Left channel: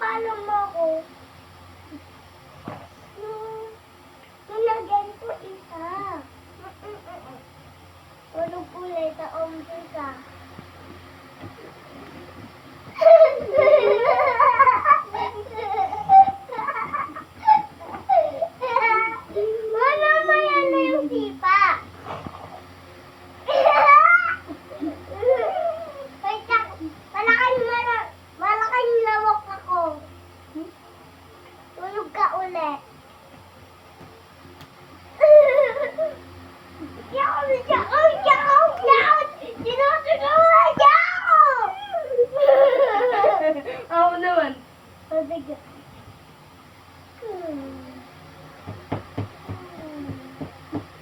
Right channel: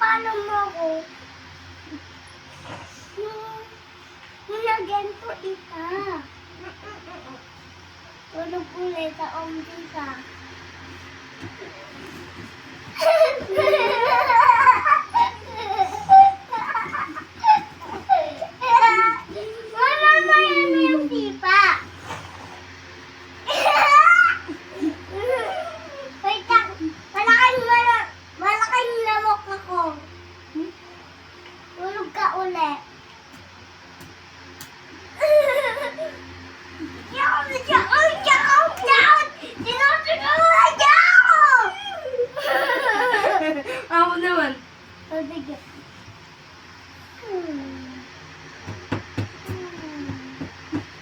Pinapalo mo ako. Yung nagento isa. Tulog ulit sa omdi ka. Wala na yan na yung sipa. Wait lang. Malaking lamok ako. Tulog ka ulit. Ako naman.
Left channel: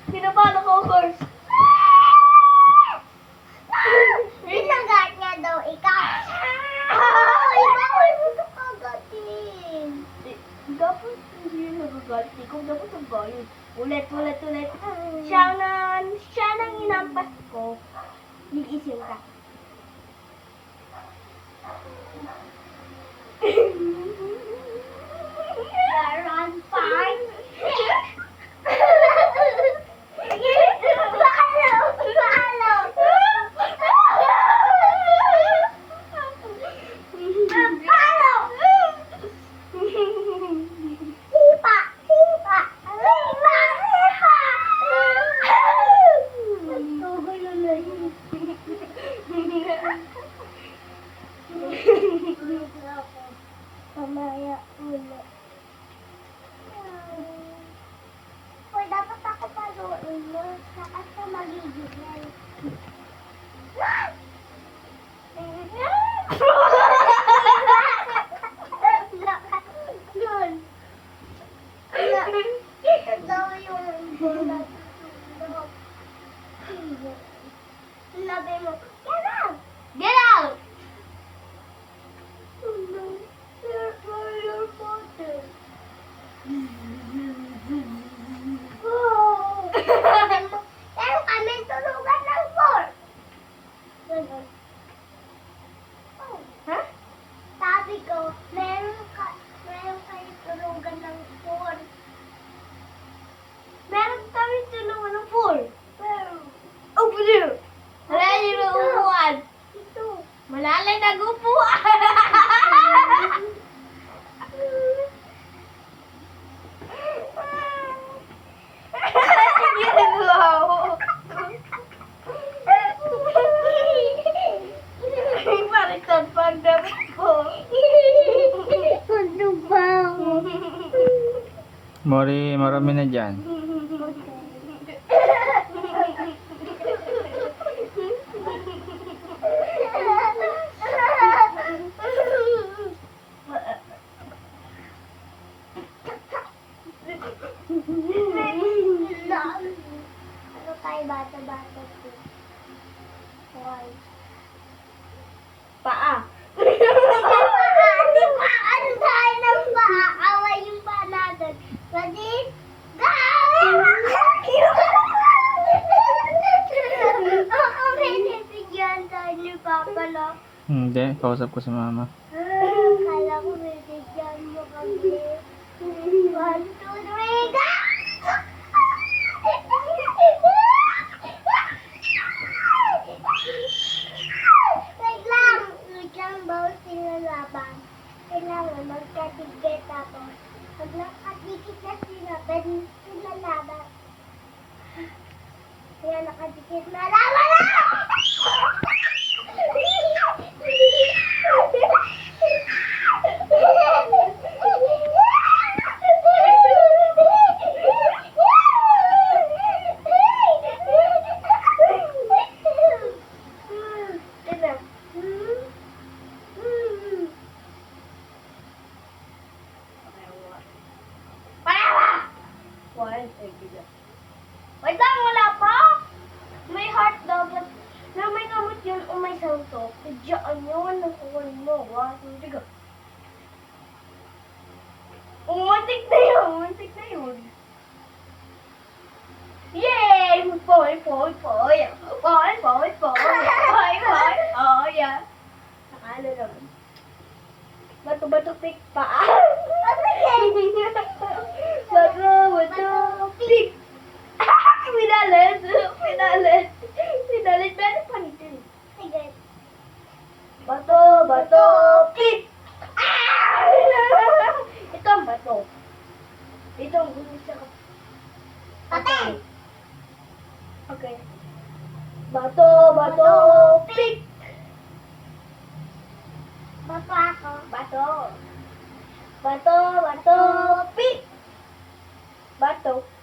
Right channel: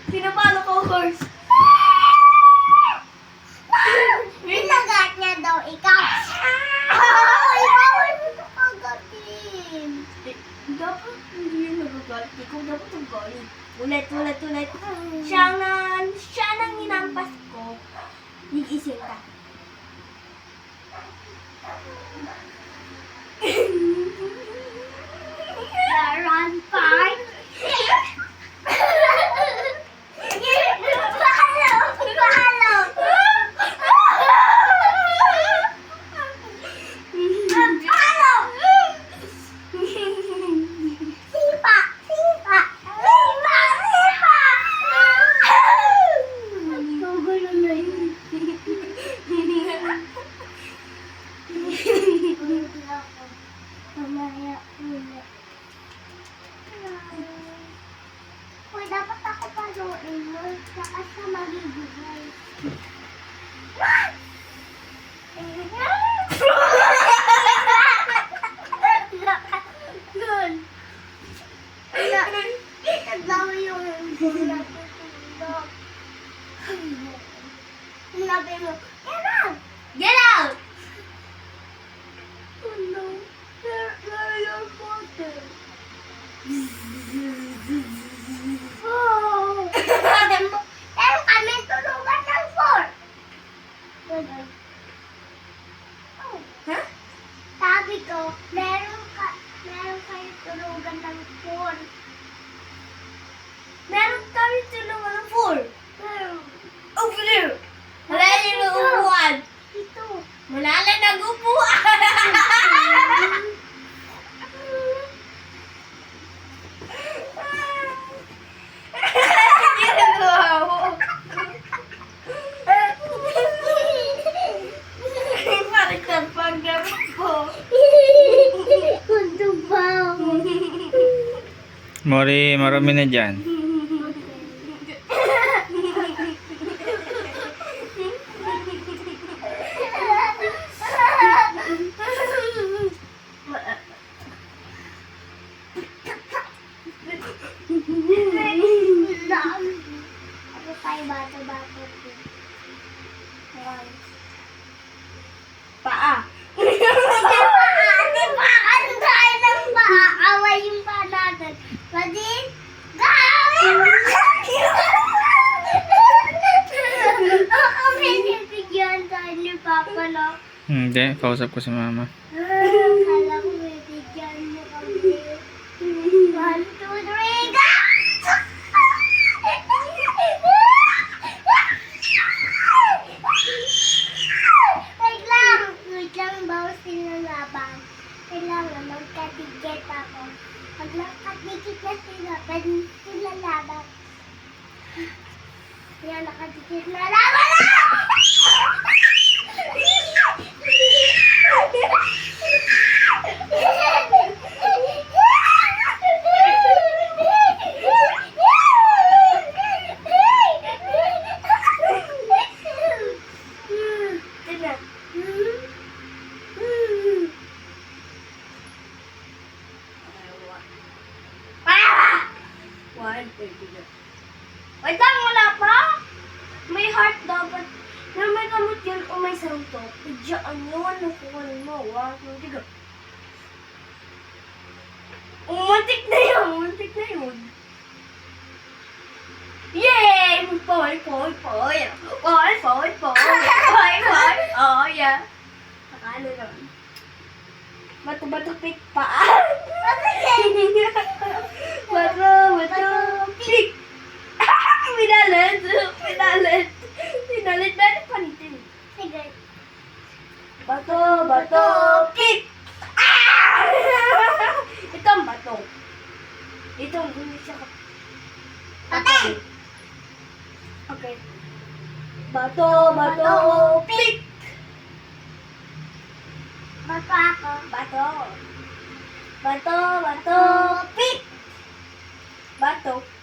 Pinapalo ko, of course. Pinagat niya daw ikaw. Ikaw ay gusto kagatin. Dapat hindi yung nagagalit. Ikaw dapat ang galit. Ulit. Siya nang inampas ko. Gigising ka. Run fight. Mamaya ulit. Uy, dapat ako paluin mo. Saka siya magigilay. Yun. Daw yung bulat. Sinabi mo, get out! Get out! Oh no, where your father? Oh! Meron kami tulugan ng 4. Oh. Ha? Sabi ko, meron kayo tulugan ng 4. Meron kami tulungan ng 4. Pero, Over there. Wala yung upuan. ito. Malala nag-upuan. Ginagawa mo. Parang nagpagdamit po. Ano ba? Mori, marami na dyan. Ano tayo bata-bata ko? Paa. Di ba? Ano tayo ng paa? Away yung paa natin. Pwede? Gawin mo! Kami nabigyan tayo ni Papa na. Hindi, kausap ko si mama. Kala ko may bigyan mo kami. 1, 2, 3, go! Wait lang, bawas sila laban. Kailangan magkatigit ako. Pag nakatigit na sila, pwede sila laban. Kaya nakatigit na laban na! Wait lang, wala pa. May heart dapat. Na may kamot yun o may santok. Diyan yun, nakuha mo. 1, 2, 3, go. Umuntik na yun. Yay! Poy. Oh, yeah. Nakano naman. Bato-bato, pick, paa. Bato-bato, pick. Minalit. Minalit. Minalit. Meron pa nitin. Sige. Bato-bato, pick. Ito ang bato. Ito ang hindi siya Patay! Okay. Bato-bato, pick. Bato ako. Bato. Bato-bato, pick. Bato.